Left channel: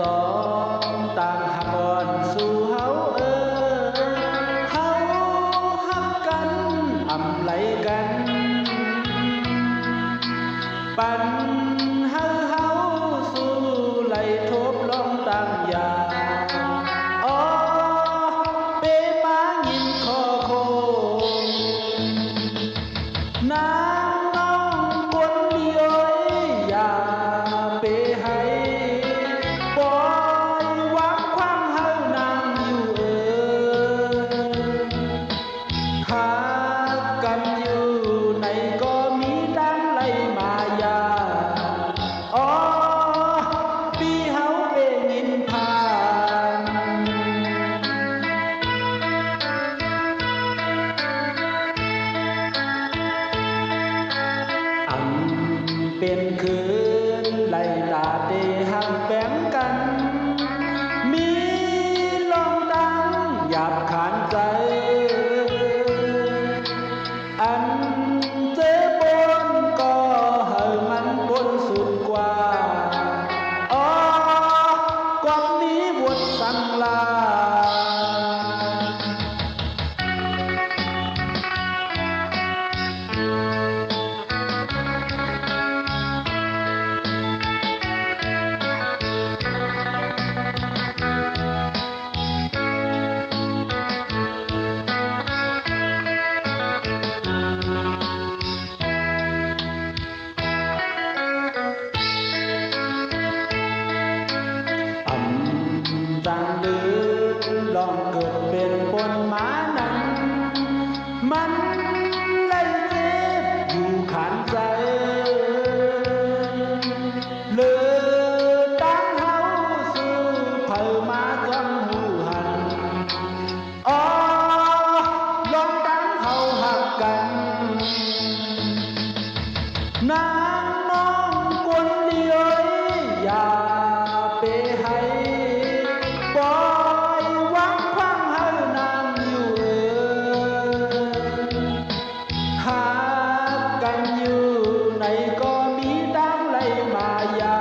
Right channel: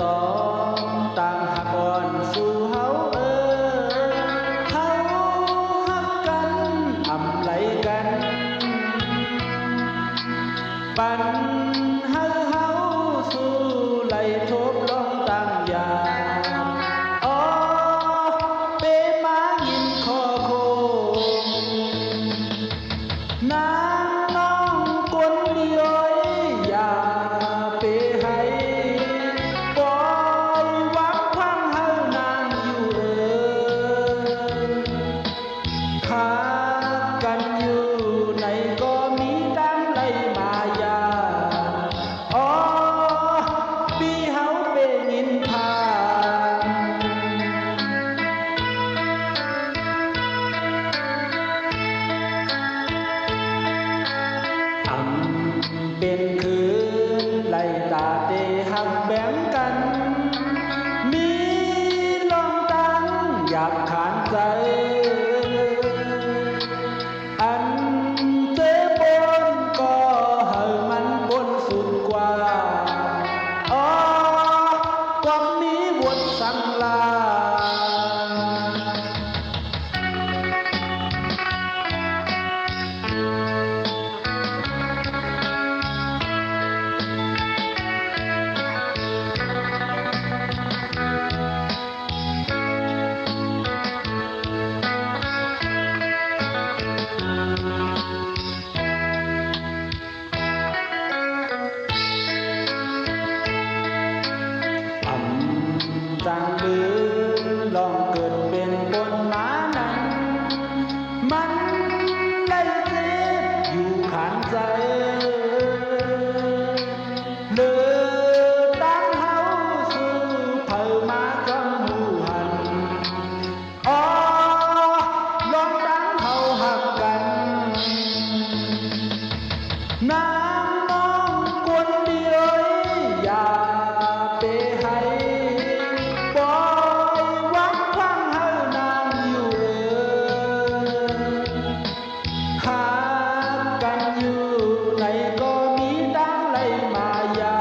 สองต่างหักอ่อนสู่เฮาเฮาฮักกันอำไหลกันปันเฮาสู่ไหลทบลองต่างยามอ๋อเปมายินคอโคงนางน้องกวนเดียวอย่าเปให้ปล่อยหวังพังเฮานางอยู่ขากันอยู่ในก็มีดังไหลมายาอ๋อปีเฮาเปงินผ่านเป็นคืนไล่ตาเตหักแบ่งกันมีลองตั้งหยาบขานใจอันเจ็บปนก็เฮามันปนสุดกว่าอ๋อก็มีบทสั่งลาต่างลือลองเกิดเป็นปนหมานั้นมันไล่เจ็บอยู่ขานใจเลือตั้งเฮาสู่เผามาจำหูหันอ๋อลองตั้งเฮาหักกันนางน้องกวนเดียวอย่าเปให้ปล่อยหวังพังเฮานางอยู่หากันอยู่ในก็มีดังไหลมายา